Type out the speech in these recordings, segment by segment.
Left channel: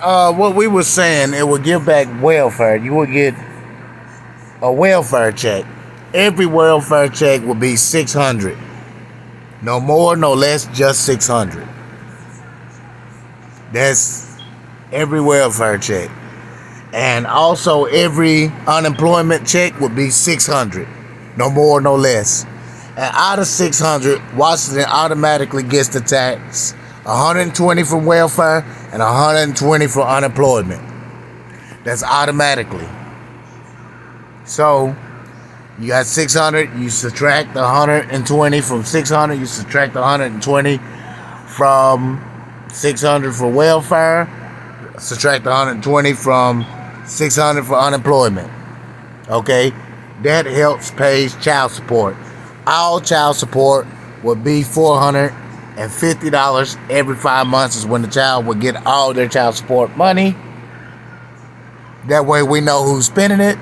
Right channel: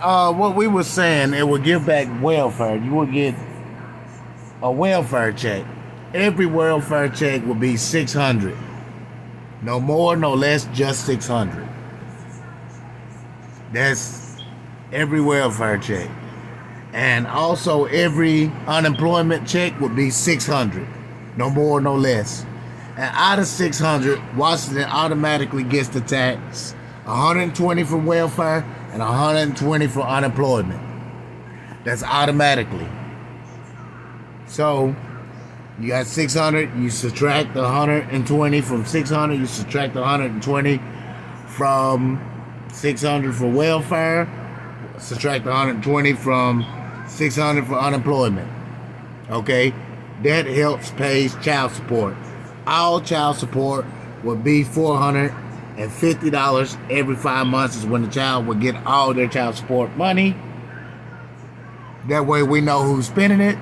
what we were saying, it would give back welfare. You would get a welfare check. Every welfare check would be 600. No more, no less, just 600. That's every welfare check. And also every unemployment check would be 600. No more, no less. And out of 600, Washington automatically gets the tax. 120 from welfare and 120 for unemployment. That's automatically. So you got 600, you subtract 120 from 600, you subtract 120 from 600 for welfare, subtract 120 from 600 for unemployment. Okay? That helps pay child support. All child support would be $450 every 5 months is when the child would get all their child support money. That way we know who's spending it.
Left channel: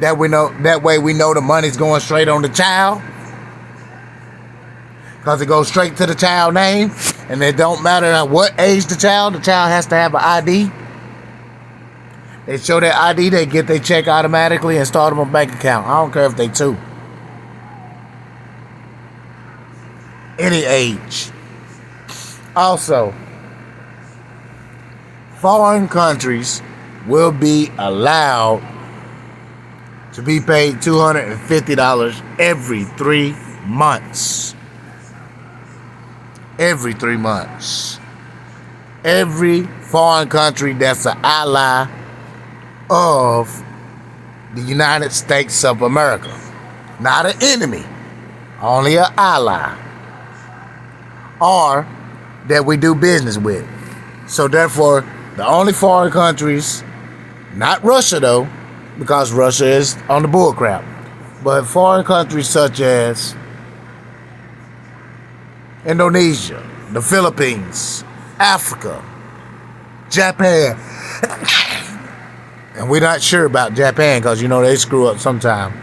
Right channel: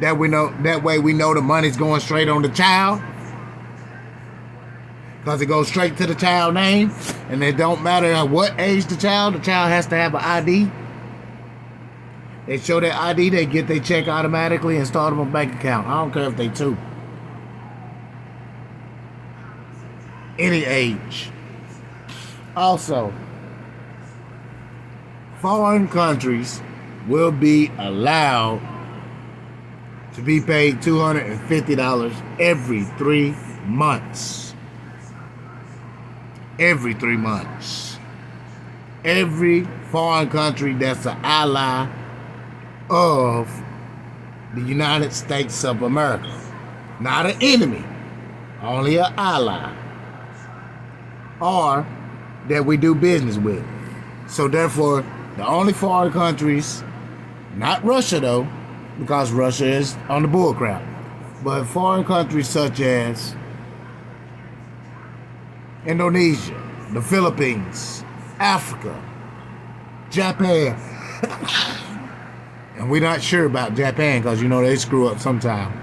That way we know the money's going straight on the child. Because it goes straight to the child name. And it don't matter what age the child has to have an ID. They show their ID, they get their check automatically and start them a bank account. I don't care if they two. Any age. Also, foreign countries will be allowed to be paid $250 every 3 months. Every 3 months. Every foreign country that's an ally of the United States of America. Not an enemy, only an ally. Or that we do business with. So therefore, the only foreign countries, not Russia though, because Russia is on the bullcrap, but foreign countries such as Indonesia, the Philippines, Africa, Japan. And we're not sure about Japan because, you know, they screw up sometime.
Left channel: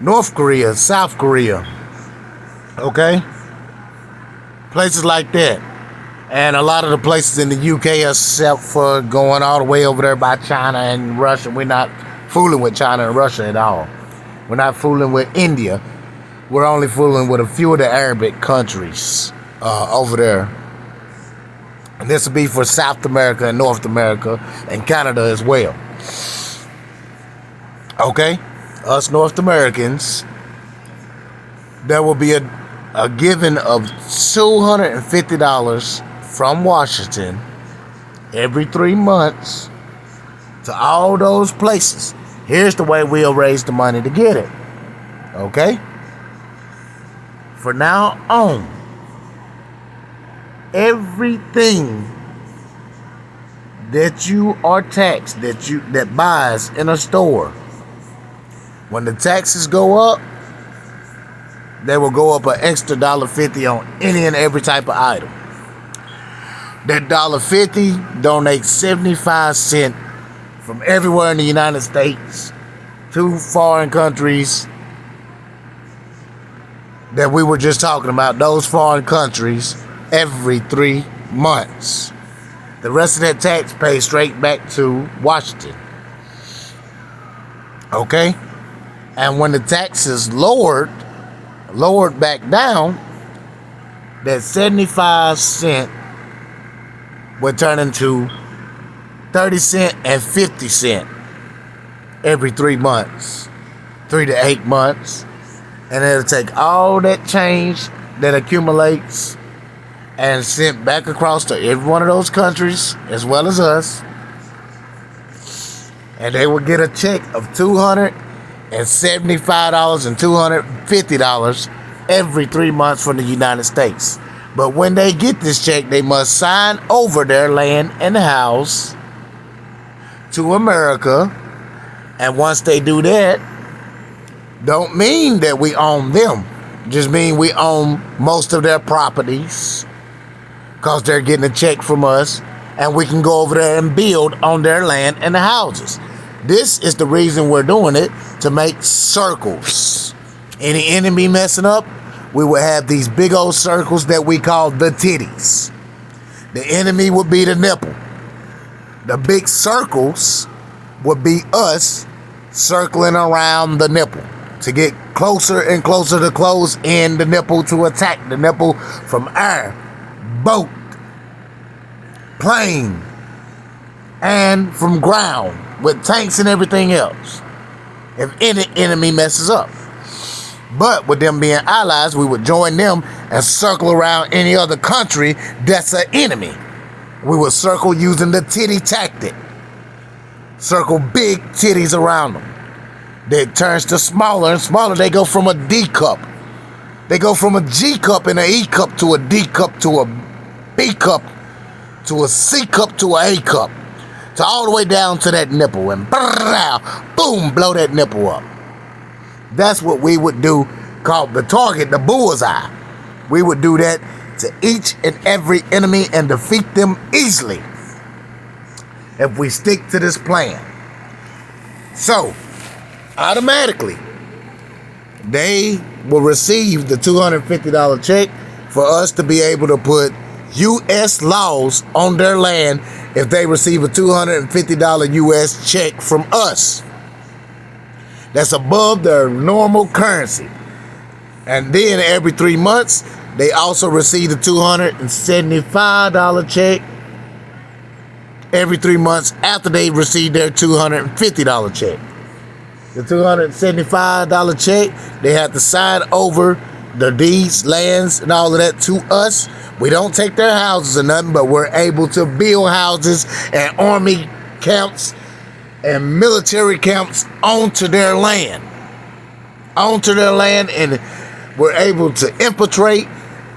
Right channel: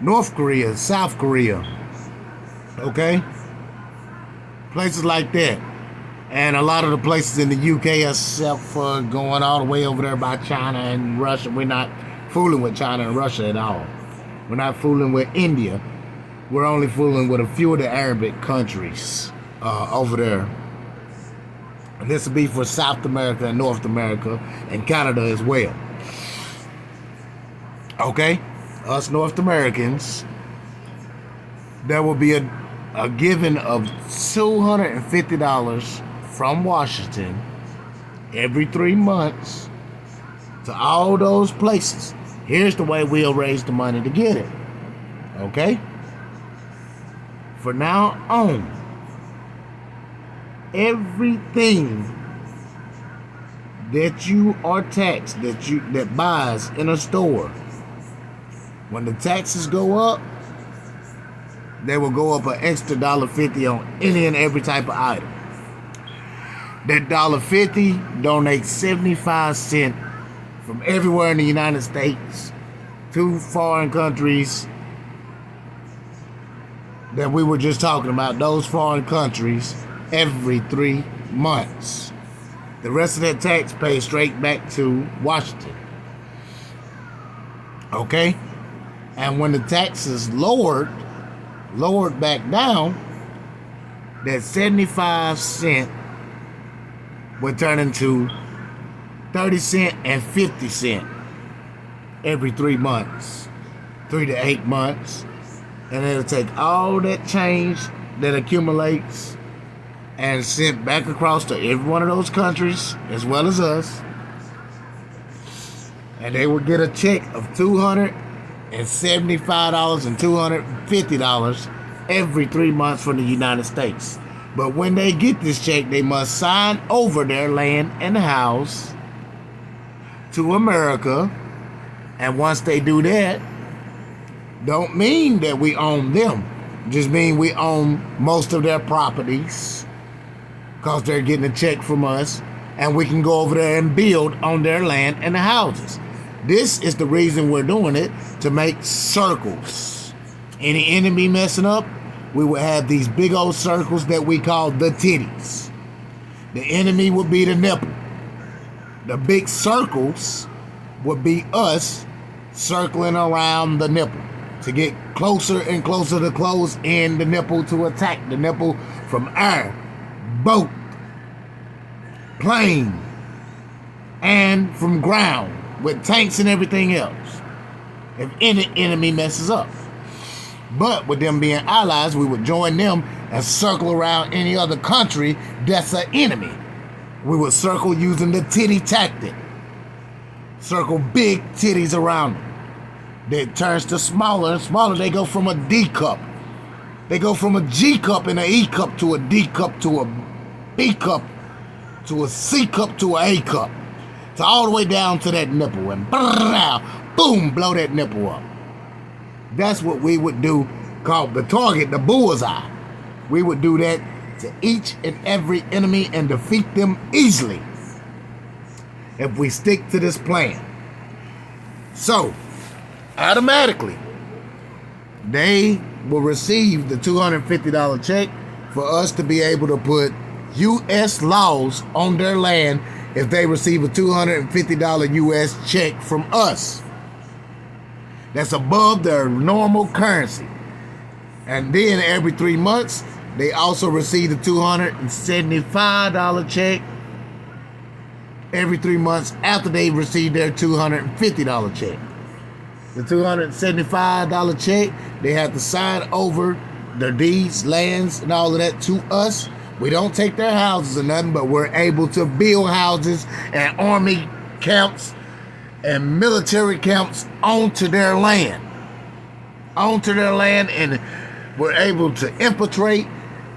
North Korea, South Korea. Okay? Places like that. And a lot of the places in the UK, except for going all the way over there by China and Russia. We're not fooling with China and Russia at all. We're not fooling with India. We're only fooling with a few of the Arabic countries over there. And this will be for South America and North America and Canada as well. Okay? Us North Americans, there will be a giving of $250 from Washington every 3 months to all those places. Here's the way we'll raise the money to get it. Okay? For now on, everything that you are taxed, that buys in a store, when the taxes go up, they will go up an extra $1.50 on any and every type of item. That $1.50 donates 75 cents from everywhere in the United States to foreign countries that we were just talking about, those foreign countries, every 3 months. The rest of that tax pays straight back to Washington. Okay? And when the tax is lowered back down, that 75 cent would turn into 30 cent and 50 cent every 3 months, 3 to 8 months. And it'll take all that change that accumulates and sent back across to every one of those countries, as well as us. And they will get a check of $275 and $250 every 3 months from the United States. But when they get this check, they must sign over their land and house to America. And once they do that, don't mean that we own them. Just mean we own most of their properties, because they're getting a check from us, and we can go over there and build on their land and the houses. This is the reason we're doing it, to make circles. Any enemy messing up, we will have these big old circles that we call the titties. The enemy would be the nipple. The big circles would be us circling around the nipple to get closer and closer to close in the nipple to attack the nipple from air, boat, plane, and from ground with tanks and everything else if any enemy messes up. But with them being allies, we would join them and circle around any other country that's an enemy. We would circle using the titty tactic. Circle big titties around them. It turns to smaller and smaller. They go from a D cup. They go from a G cup and an E cup to a D cup to a B cup to a C cup to an A cup. To all the way down to that nipple and boom, blow that nipple up. That's what we would do, called the target, the bullseye. We would do that to each and every enemy and defeat them easily if we stick to this plan. So, automatically, they will receive the $250 check for us to be able to put U.S. laws on their land if they receive a $250 U.S. check from us. That's above their normal currency. And then every 3 months, they also receive a $275 check every 3 months after they receive their $250 check. The $275 check, they have to sign over their deeds, lands, and all of that to us. We don't take their houses or nothing, but we're able to build houses and army camps and military camps onto their land. And we're able to infiltrate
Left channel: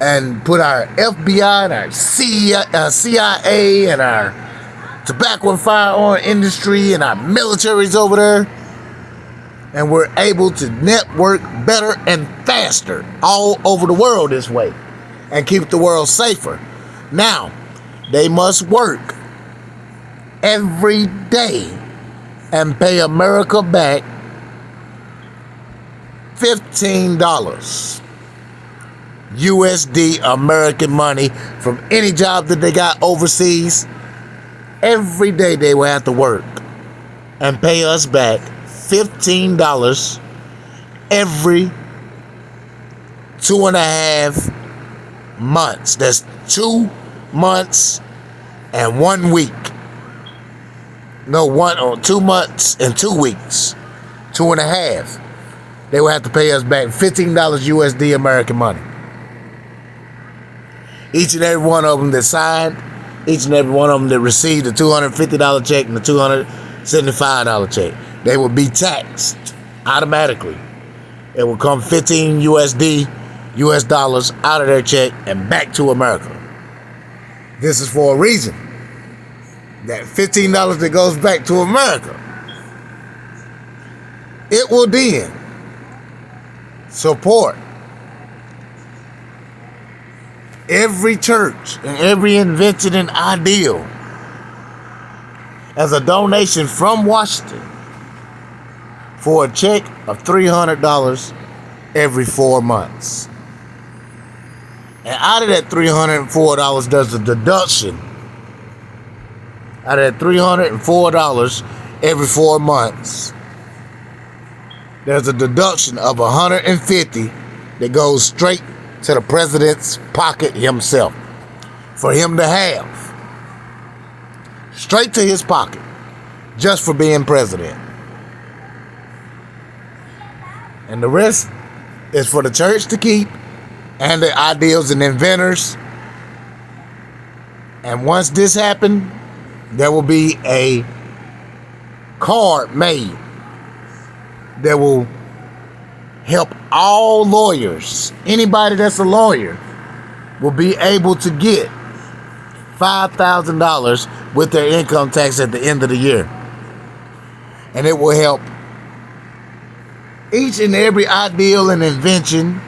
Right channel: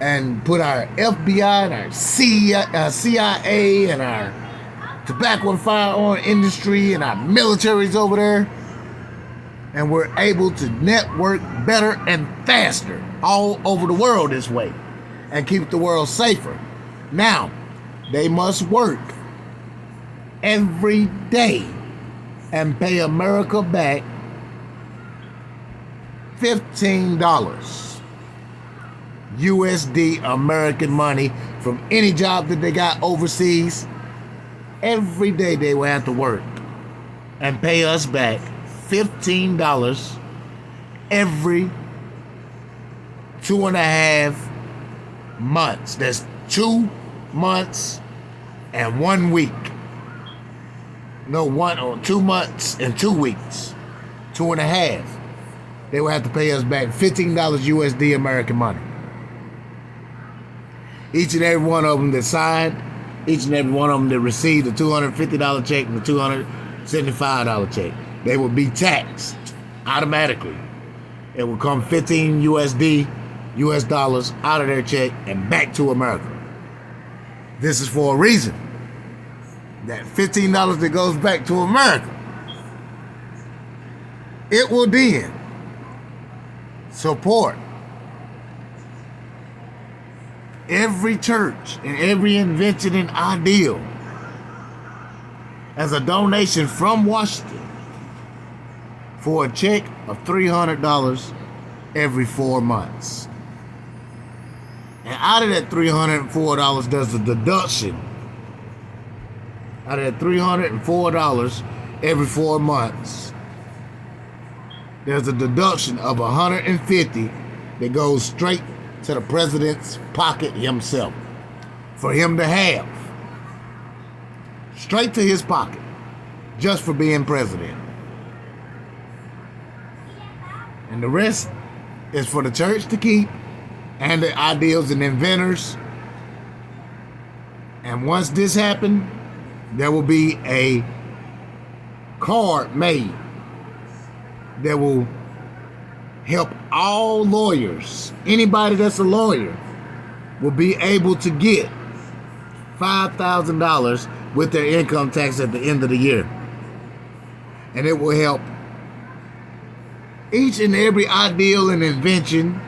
and put our FBI and our CIA and our tobacco and firearm industry and our militaries over there. And we're able to network better and faster all over the world this way and keep the world safer. Now, they must work every day and pay America back $15 USD American money from any job that they got overseas. Every day they will have to work and pay us back $15 every 2.5 months. That's 2 months and 1 week. No, 2 months and 2 weeks. 2.5. They will have to pay us back $15 USD American money. Each and every one of them that signed, each and every one of them that received the $250 check and the $275 check, they will be taxed automatically. It will come 15 US dollars out of their check and back to America. This is for a reason. That $15 that goes back to America, it will then support every church and every invention and ideal as a donation from Washington for a check of $300 every 4 months. And out of that $304, there's a deduction. Out of that $304 every 4 months, there's a deduction of $150 that goes straight to the president's pocket himself for him to have. Straight to his pocket, just for being president. And the rest is for the church to keep and the ideals and inventors. And once this happened, there will be a card made that will help all lawyers. Anybody that's a lawyer will be able to get $5,000 with their income tax at the end of the year. And it will help each and every ideal and invention